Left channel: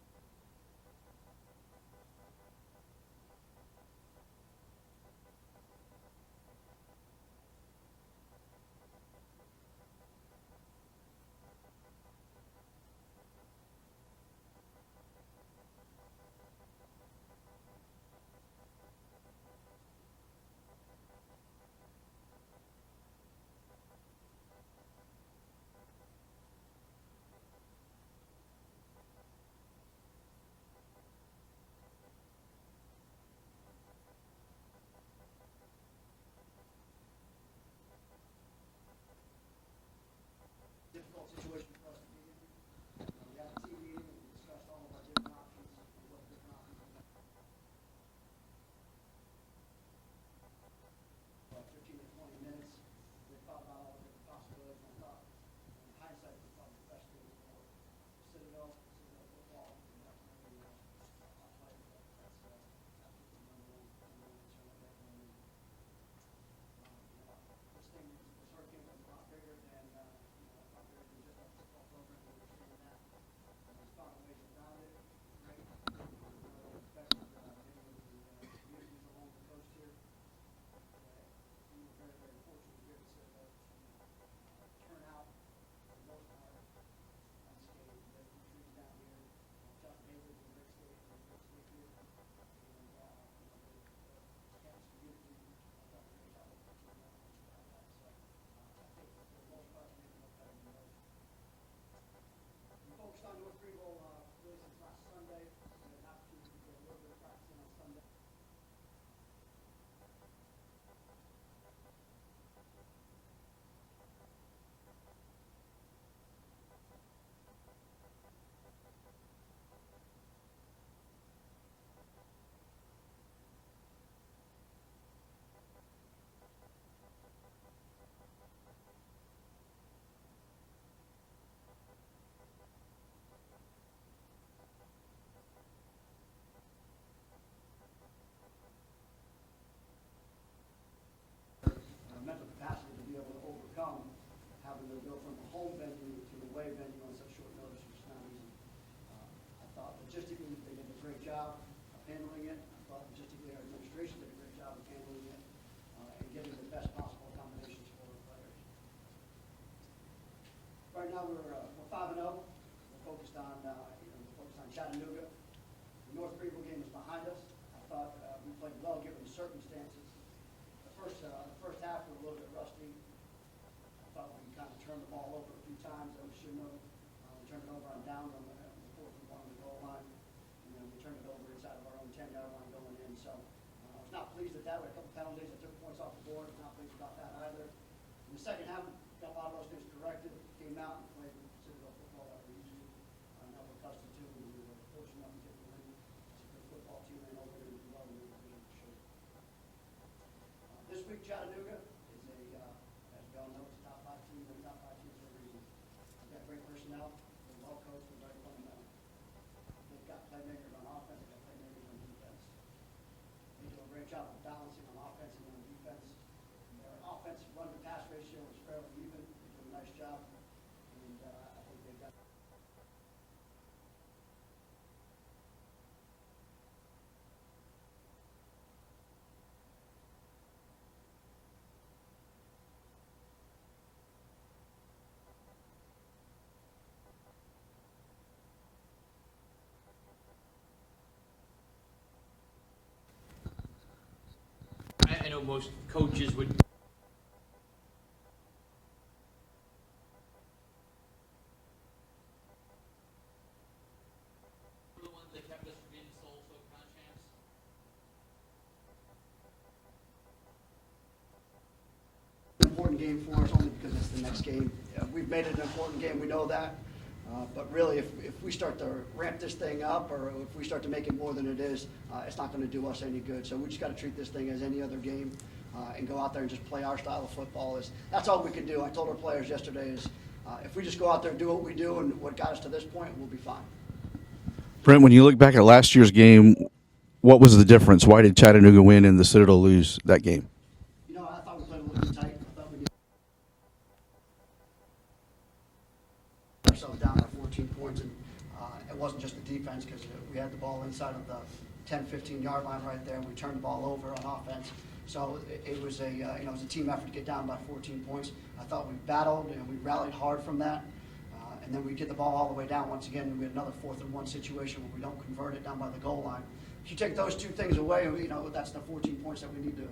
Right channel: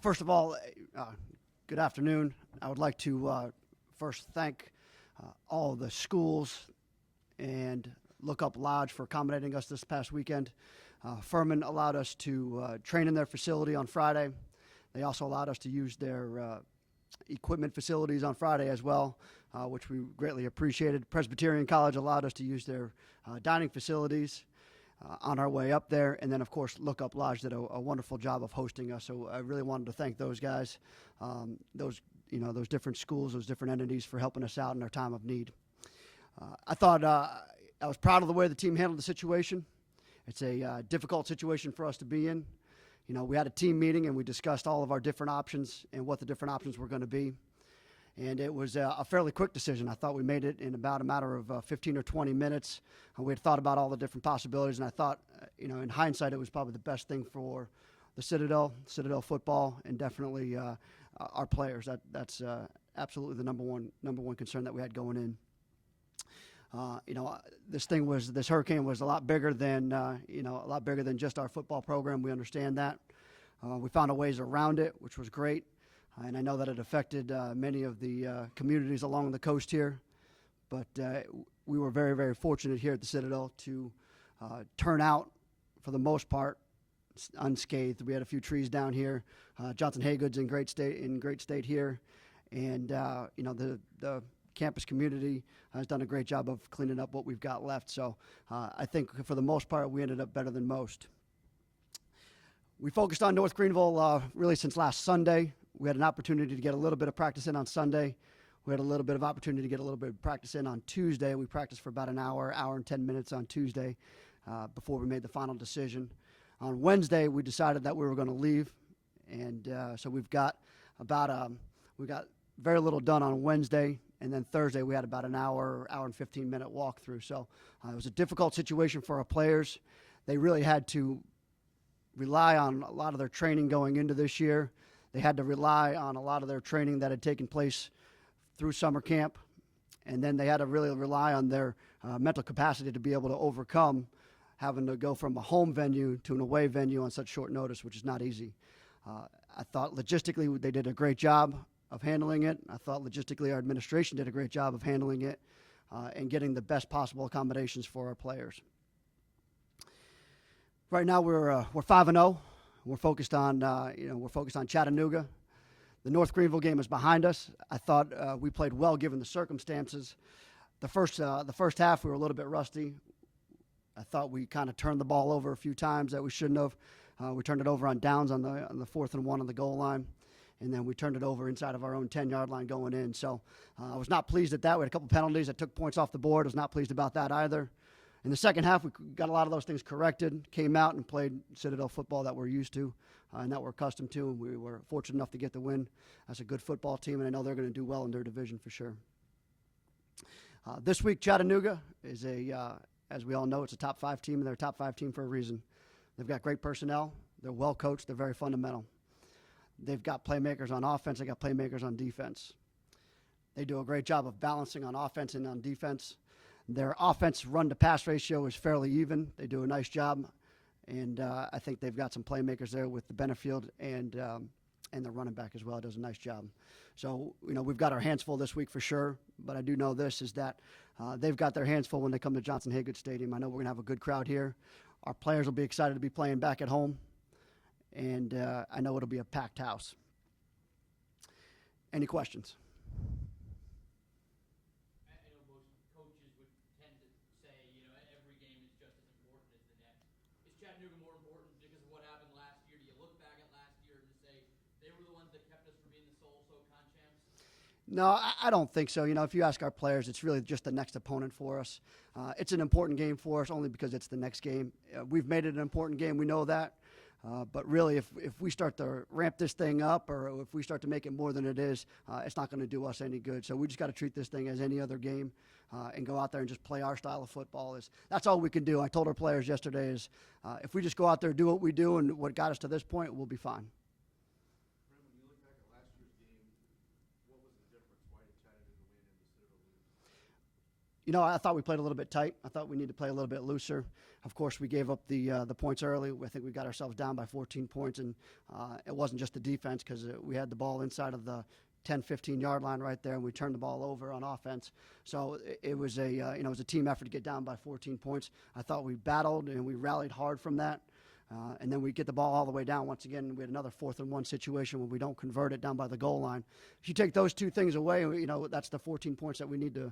First of all, good afternoon. I would like to first thank all the schools and Look Up Lodge for accommodating us this past weekend. Furman allowed us to train in their facility on Friday. They also allowed us to use their equipment facilities on Friday as well, which we greatly appreciated. Presbyterian College allowed us to use their dining facilities on our way up there. And then, of course, Look Up Lodge did a wonderful job of hosting us. So I really wanted to thank those guys, those different schools, those different entities for helping us out in our time of need. I thought I was proud of the way the team handled the situation. It's a difficult situation for us to be in. We had a team meeting and we discussed all of our different options and what the different options were going to be. And it was a fairly quick decision. I thought we made it in about a matter of 15 or 20 minutes. We had thought about all the different possibilities, and I thought, in hindsight, it was probably the best thing for the Citadel football, and definitely our players. That's absolutely the number one concern that we had going in. This hurricane was a lot bigger than just our football program. We understand that. We found a ways around it, which was great. And I know that it affected many of the communities along the coast here. But we were very, very fortunate here at the Citadel to turn out, for the most part, unscathed. We had a few trees down here. Johnson Haygood's in great state here. And, the campus community has done a great job of cleaning up what we've got left. So I think for the most part, we ended up better than most. We focused on North Greenville really since last Sunday. We had an opportunity to get a little bit of practice in on Sunday. We had a little bit of opportunity to get a little bit of practice in on Tuesday. We practiced for about an hour and 10 minutes on Tuesday before we made the final decision. On Wednesday, we decided that we were going to leave. And so we got very little done on Wednesday. And then Thursday, we had about an hour and 15-minute walkthrough. So it was a difficult situation for our players. They really had to rely on a lot of their training going into this year. They had to rely on a lot of their training that had taken place through summer camp. And then they had to really rely on their mental capacity to be able to overcome having to go from a home venue to an away venue on such short notice, which is not easy. I thought logistically they did a great job of handling it. I thought logistically our administration did a great job of handling it and getting the best possible accommodations for our players. Right now we're 5-0. We're focused on Chattanooga. The North Greenville game is behind us. I thought we played well given the circumstances. The first half we were a little bit rusty. I thought we kind of turned the ball over a few times that we shouldn't have. We turned it over on downs on the 4th and 1 on the goal line. And then we turned it over inside of our own 10-yard line going in. So I was not pleased at that. We had a couple penalties that took points off the board. I was not pleased about that either. In the second half, we got a lot of those things corrected, came out and played Citadel football that we're used to and that we're accustomed to. We were fortunate enough to get the win. That's a good football team, and I know they're going to do well in their division for sure. This week, Chattanooga is as we all know, it's a top 5 team, and they're a top 5 team for a reason. They've got great personnel. They're well coached. They're very fundamental. They've got playmakers on offense. They've got playmakers on defense. They do a great job of balancing on offense and on defense. Their offense run-to-pass ratio is fairly even. They do a nice job, and I think they've got some playmakers there with the Benefield and the running back as well. It does a nice job. So, we've got our hands full this week for sure, but I do know this is that they've got their hands full when they come to Johnson Haygood Stadium. I know we're going to have a good crowd here. Our players will be excited to be playing back at home, and I know it'll be a packed house. Any questions? I know most coaches would say, every game is good. Is Chattanooga more important because of what happened last year? Do you look back at last year and say they were the ones that kept us from being the sole SoCon champs? No, I don't think so. If you ask our players, it's really just the next opponent for us. It's an important game for us only because it's the next game. We've made it an important game. We know that. But really, if we start to ramp this thing up or if we start to make it more than it is, it's not going to do us any good. So we just got to treat this thing as any other game and go out there and just play our style of football. That's all we can do. I told our players yesterday if we just go out there and do what we do and what got us to this point, we'll be fine. Brent, when you look back at last year's game, what was the difference? Why did Chattanooga win and the Citadel lose that game? I thought we played a little bit tight. I thought we needed to play a little bit looser. Of course, we gave up the points early. I think we got ourselves down by 14 points, and it wasn't just the defense because we had the ball inside of the 10, 15-yard line right there. We turned the ball over on offense. So it was it was a team effort to get down by 14 points. I thought we battled and we rallied hard from that. And then we get the ball all the way down once again. We had another 4th and 1 situation where we don't convert it down by the goal line. If you take those 2 things away, that's the 14 points that we need to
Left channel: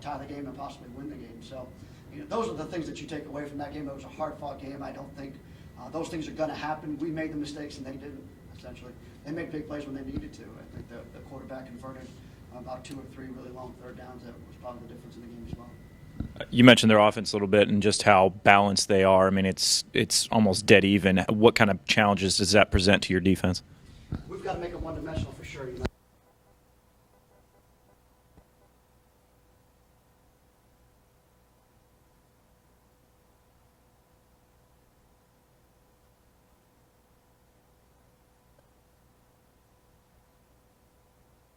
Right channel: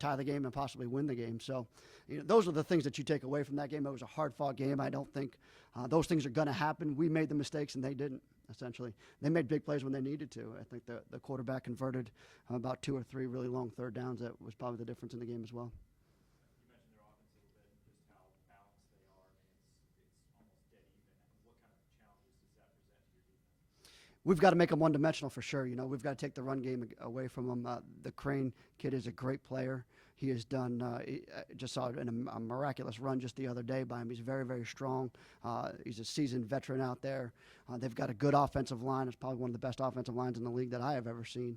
tie the game and possibly win the game. So those are the things that you take away from that game. It was a hard-fought game. I don't think those things are going to happen. We made the mistakes and they didn't, essentially. They made big plays when they needed to. I think the quarterback converted about 2 or 3 really long third downs. That was probably the difference in the game as well. You mentioned their offense a little bit and just how balanced they are. I mean, it's almost dead even. What kind of challenges does that present to your defense? We've got to make them one-dimensional for sure. We've got to take the run game away from them. The Crane kid is a great player. He has done, just saw a miraculous run just the other day by him. He's very, very strong. He's a seasoned veteran out there. They've got a good offensive line. It's probably one of the best offensive lines in the league that I have ever seen.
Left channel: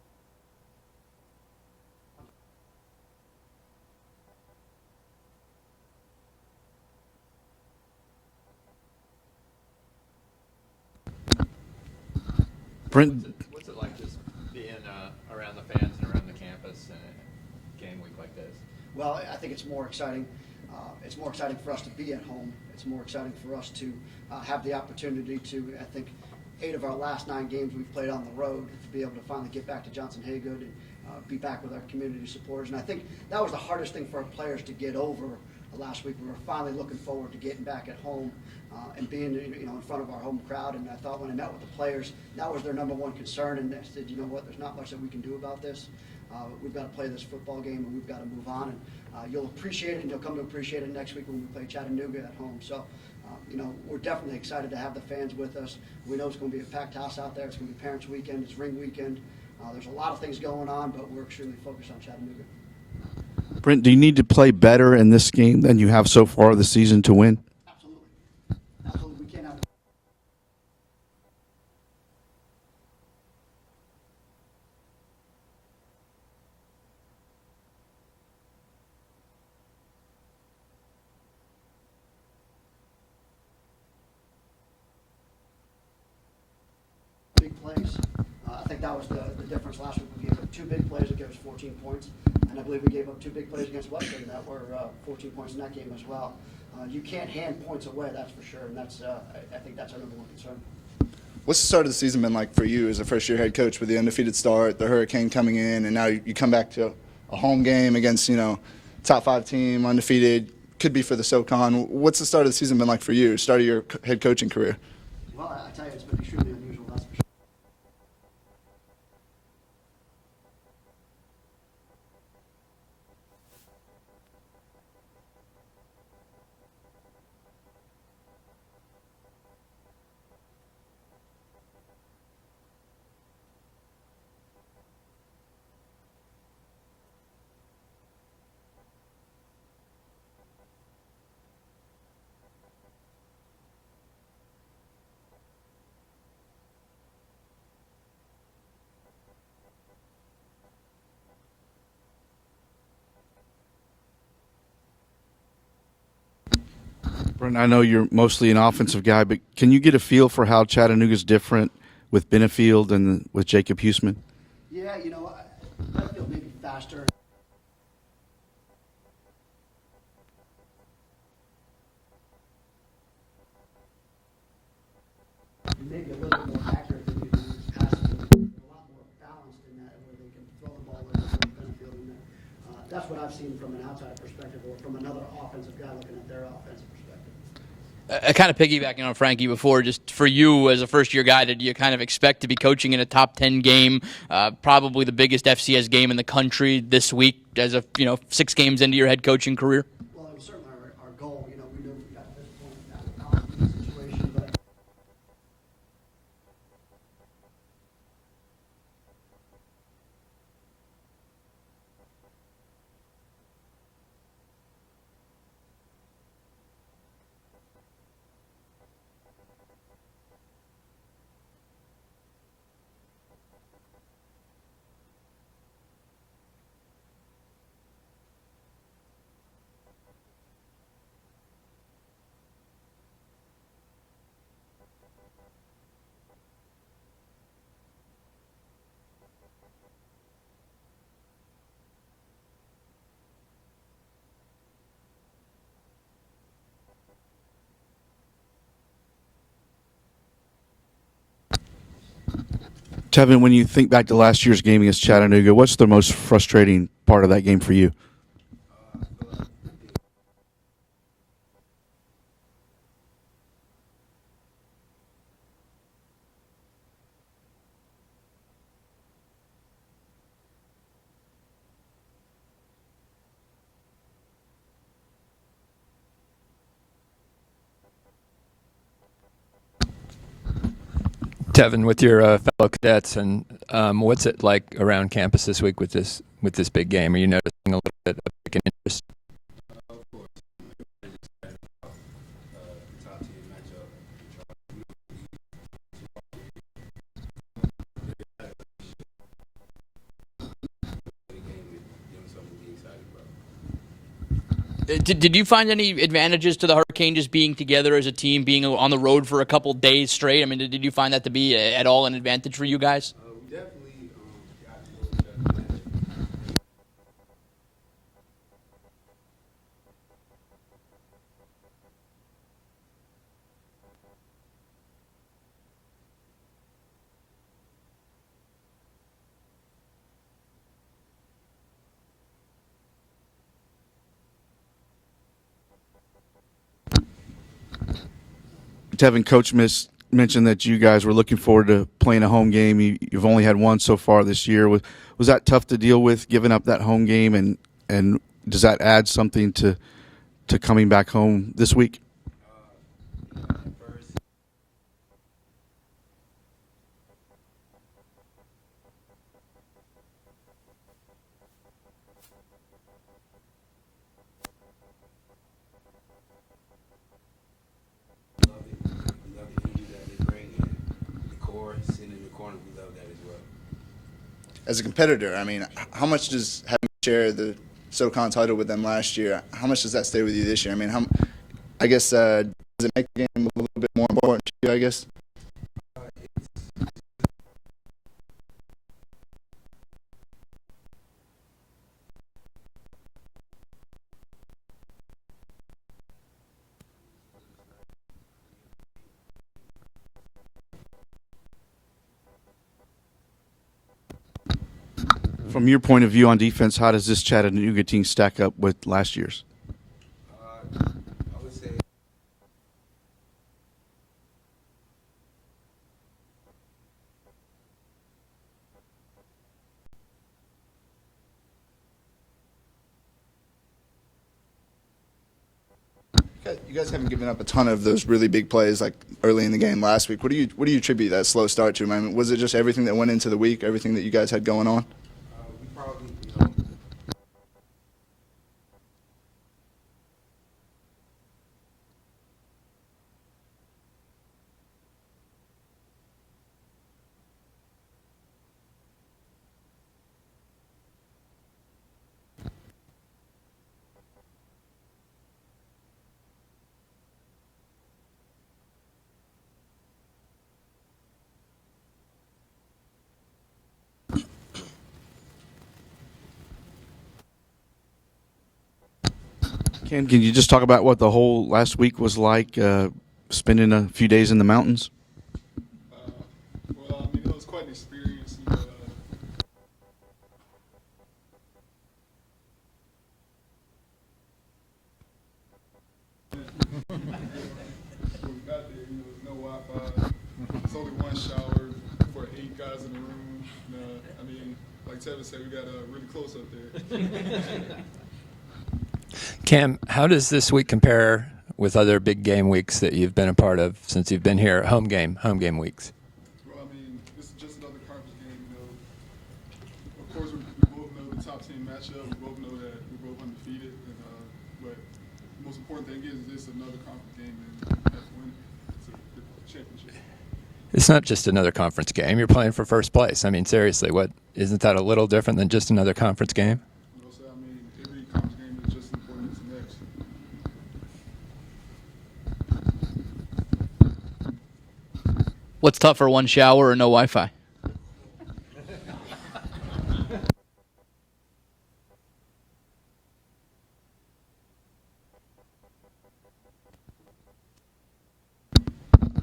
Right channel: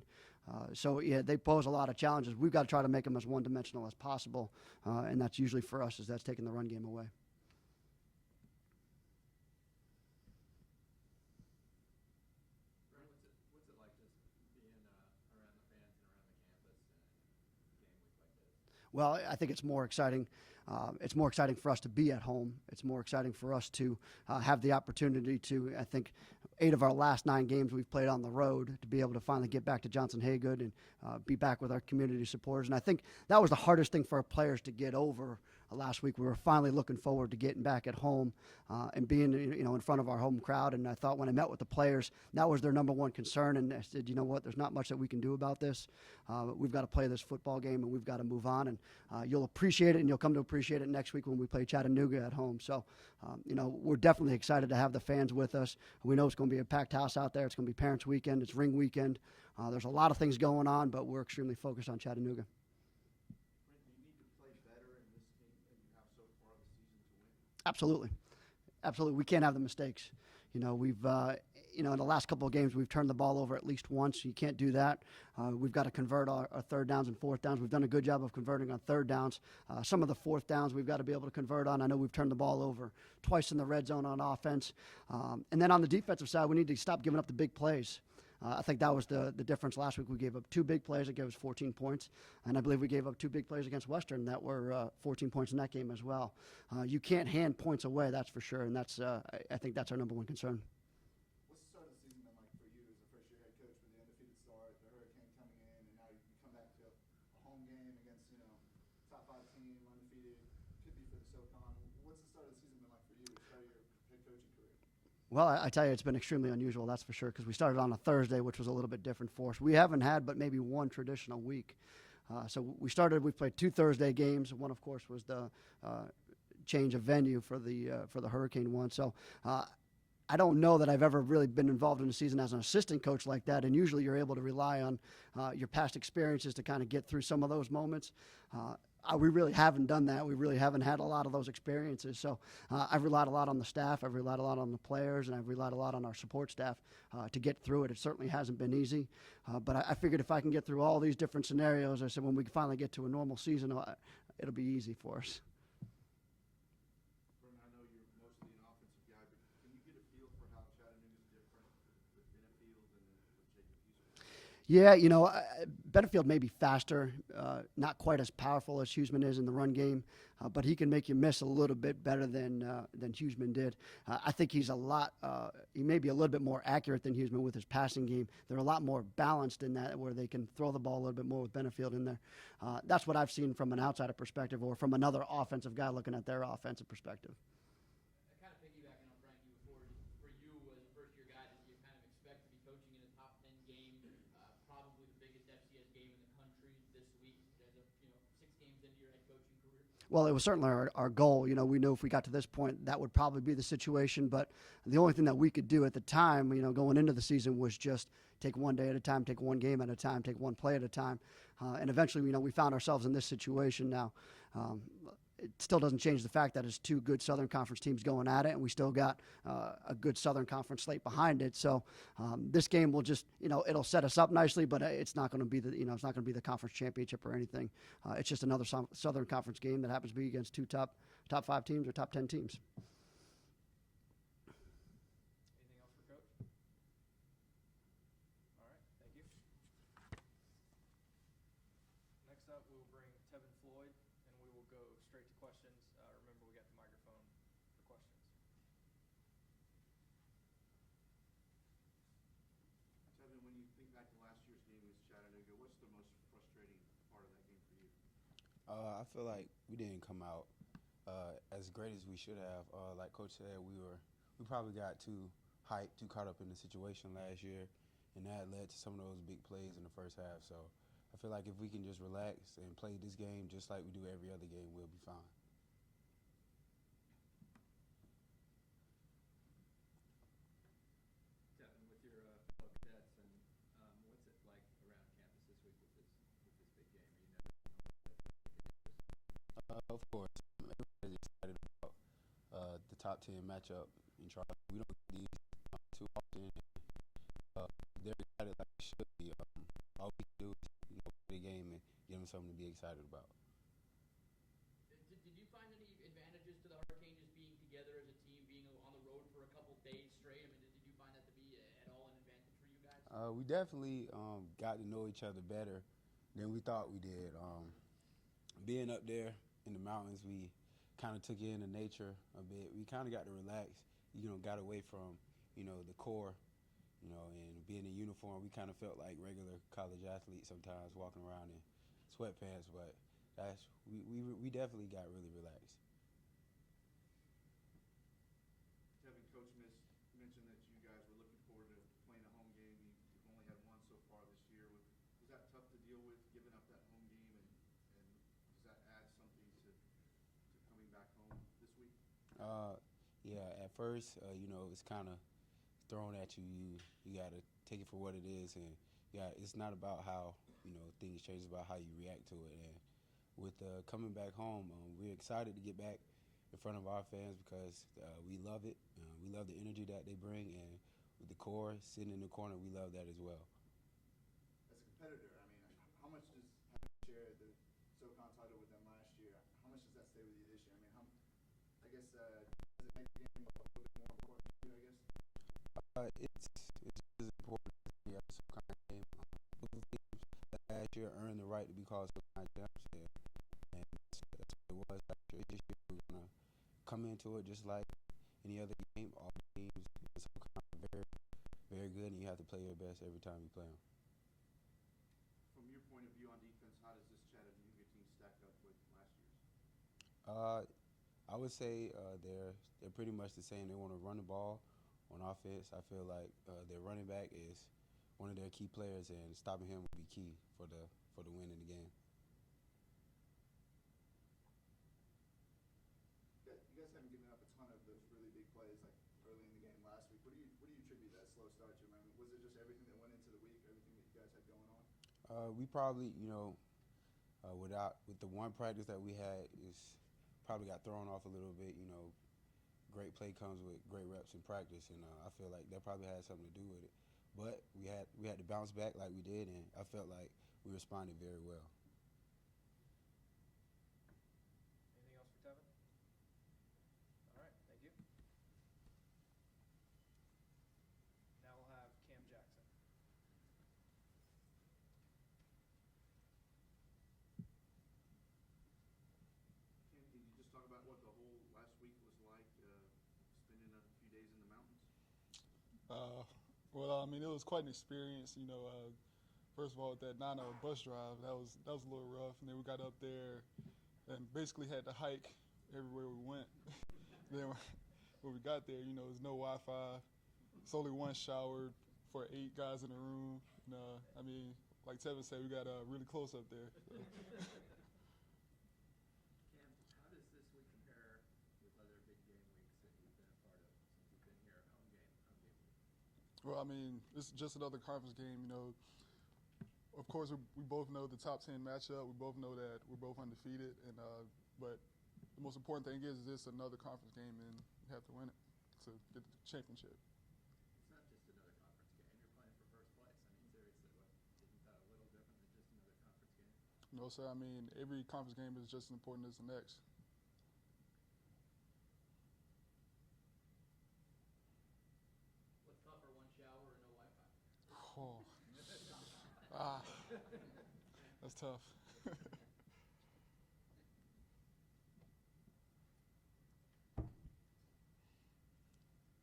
So, yeah, they pose a lot of challenges. We've got to try to make them as one-dimensional as possible, and that's usually for us that's taking the run game away. Brent, What's it like just being around the fans and around the campus in a game week like this? Well, I think it's more exciting. It's more exciting for us to be at home. It's more exciting for us to have the opportunity to, I think, 8 of our last 9 games we've played on the road, to be able to finally get back to Johnson-Haygood and be back with our community supporters. And I think that was the hardest thing for our players to get over last week. We were finally looking forward to getting back at home and being in front of our home crowd. And I thought when I met with the players, that was their number one concern. And I said, you know what, there's not much that we can do about this. We've got to play this football game and we've got to move on. And you'll appreciate it, and you'll come to appreciate it next week when we play Chattanooga at home. So, we're definitely excited to have the fans with us. We know it's going to be a packed house out there. It's going to be Parents Weekend. It's Ring Weekend. There's a lot of things going on, but we're extremely focused on Chattanooga. Brent, do you need to play better in this game than you have so far this season to win? Absolutely. Absolutely. We can't have the mistakes. We've, in the last couple of games, we've turned the ball over at least once. You can't do that. We've got to convert our 3rd downs and 4th downs. We've done a good job of converting on 3rd downs. Some of the 4th downs we've got to be able to convert on. I know we've turned the ball over twice in the red zone on offense. And then on the defensive side, we need to stop giving up the big plays. I think that was the difference last week. We gave up 2 big plays that gave us 14 points. And I believe we gave up 2 big plays against Western that were 14 points in that game as well. You can't hand points away, that's for sure. And that's I think that's our number one concern. What's the start of the season been like for you as a first-year head coach with the undefeated start, the Hurricane coming in, and now you come back to a home game against, top 5 team, undefeated, could be for the SoCon. What's the start of the season been like for you, start of your head coaching career? Well, I tell you, it's been extremely unusual, that's for sure, because we started on a Thursday, which was a little bit different for us. We haven't had but maybe one traditional week. So we played 2 Thursday games. One, of course, was the change of venue for the Hurricane one. So I don't know that I've ever really been involved in a season as an assistant coach like that, and usually you're able to rely on your past experiences to kind of get through some of those moments. We really haven't done that. We really haven't had a lot of those experiences. So I've relied a lot on the staff. I've relied a lot on the players, and I've relied a lot on our support staff to get through it. It certainly hasn't been easy. But I figured if I can get through all these different scenarios, I said when we finally get to a normal season, it'll be easy for us. Brent, I know you're mostly an offensive guy, but can you get a feel for how Chattanooga's different with Benefield and with Jacob Huseman? Yeah, Benefield may be faster, not quite as powerful as Huseman is in the run game, but he can make you miss a little bit better than Huseman did. I think he's he may be a little bit more accurate than he was doing with his passing game. They're a lot more balanced in that, where they can throw the ball over the Benefield in there. That's what I've seen from an outsider perspective, or from another offensive guy looking at their offensive perspective. Kind of piggybacking on Frankie before, just for you as a first-year guy, did you kind of expect to be coaching in a top 10 game, probably the biggest FCS game in the country this week, as 6 games into your head coaching career? Well, it was certainly our goal. We knew if we got to this point, that would probably be the situation. But the only thing that we could do at the time, going into the season, was just take one day at a time, take one game at a time, take one play at a time. And eventually, we found ourselves in this situation now. It still doesn't change the fact that it's 2 good Southern Conference teams going at it, and we still got a good Southern Conference slate behind it. So this game will just, it'll set us up nicely, but it's not going to be it's not going to be the conference championship or anything. It's just another Southern Conference game that happens to be against two top top 5 teams or top 10 teams. Tevin, when you think back to last year's game against Chattanooga, what's the most frustrating part of that game for you? I feel like we didn't come out as great as we should have. Like Coach said, we probably got too hyped, too caught up in the situation last year, and that led to some of those big plays in the first half. So I feel like if we can just relax and play this game just like we do every other game, we'll be fine. Tevin, with your fellow cadets, and what's it like around campus this week with this big game? Are you noticing a little bit of an interest? Of course, everybody excited about the top team matchup. Did you find any advantages to the Hurricane just being together as a team, being on the road for a couple days straight? I mean, did you find that to be at all an advantage for you guys? We definitely got to know each other better than we thought we did. Being up there in the mountains, we kind of took in the nature a bit. We kind of got to relax, got away from, the core, and being in uniform. We kind of felt like regular college athletes sometimes walking around in sweatpants, but we definitely got really relaxed. Tevin, Coach mentioned that you guys were looking forward to playing a home game. You've only had one so far this year. Was that tough to deal with, giving up that home game, and does that add something to coming back home this week? Yeah, at first, it's kind of thrown at you. You got to take it for what it is, and it's not about how things change, it's about how you react to it. And with coming back home, we're excited to get back in front of our fans because we love it. We love the energy that they bring, and the core sitting in the corner. We love that as well. As a competitor, I mean, how much does having shared the SoCon title with them last year, how much does that stay with you this year? I mean, I guess does it make the game a little bit more important to you, I guess? Last year earned the right to be called SoCon champs, and that's what it was last year. This year we're going to come into it just like any other game. All games are very good, and you have to play your best every time you play them. From your point of view on defense, how does this Chattanooga team stack up with last year's? I would say they're pretty much the same. They want to run the ball on offense. I feel like their running back is one of their key players, and stopping him will be key for the win in the game. You guys haven't given up a ton of those really big plays like early in the game last week. What do you attribute that slow start to? I mean, was it just everything that went into the week, everything that you guys had going on? We probably, with the one practice that we had, probably got thrown off a little bit. Great play comes with great reps in practice, and I feel like that probably had something to do with it. But we had to bounce back like we did, and I felt like we responded very well. Ken, can you just talk about what the whole last week was like, spending a few days in the mountains? Well, I mean, it was quite an experience. First of all, with that 9-hour bus drive, that was a little rough. And then we got up there and basically had to hike everywhere we went. When we got there, there's no Wi-Fi. There's only one shower for 8 guys in the room. I mean, like Tevin said, we got really close up there. Cam, how does this week compare with other big game weeks that you've been a part of since you've been here? Home game weeks. Well, I mean, this is just another conference game. Of course, we both know the top team matchup. We both know that we're both undefeated. But the most important thing is this is another conference game, and we have to win it. It's a championship. It's not just another conference game. You're playing for first place. I mean, seriously, isn't that a little different than just another conference game? So, I mean, every conference game is just as important as the next. What's tougher, one shower or no Wi-Fi? That's tough.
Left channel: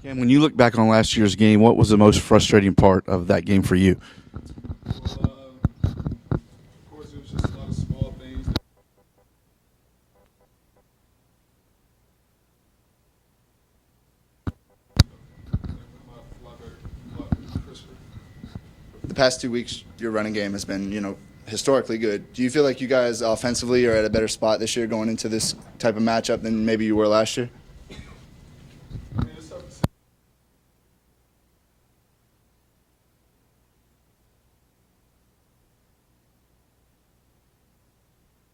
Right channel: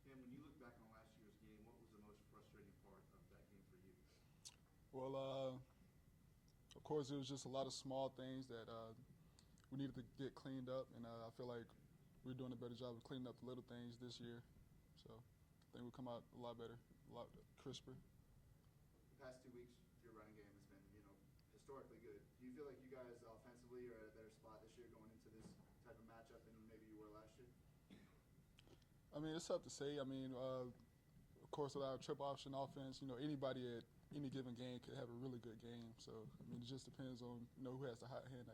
Cam, when you look back on last year's game, what was the most frustrating part of that game for you? Well, of course, it was just a lot of small things that we needed to get cleaned up, and I feel like we're doing a better job of cleaning up the little things this year. A lot better, a lot crisper. The past 2 weeks, your running game has been, historically good. Do you feel like you guys offensively are at a better spot this year going into this type of matchup than maybe you were last year? I mean, it's tough to say. I mean, of course, with our trip option offense, anybody at any given game could have a really good game. So, I mean, it just depends on, who has the hot hand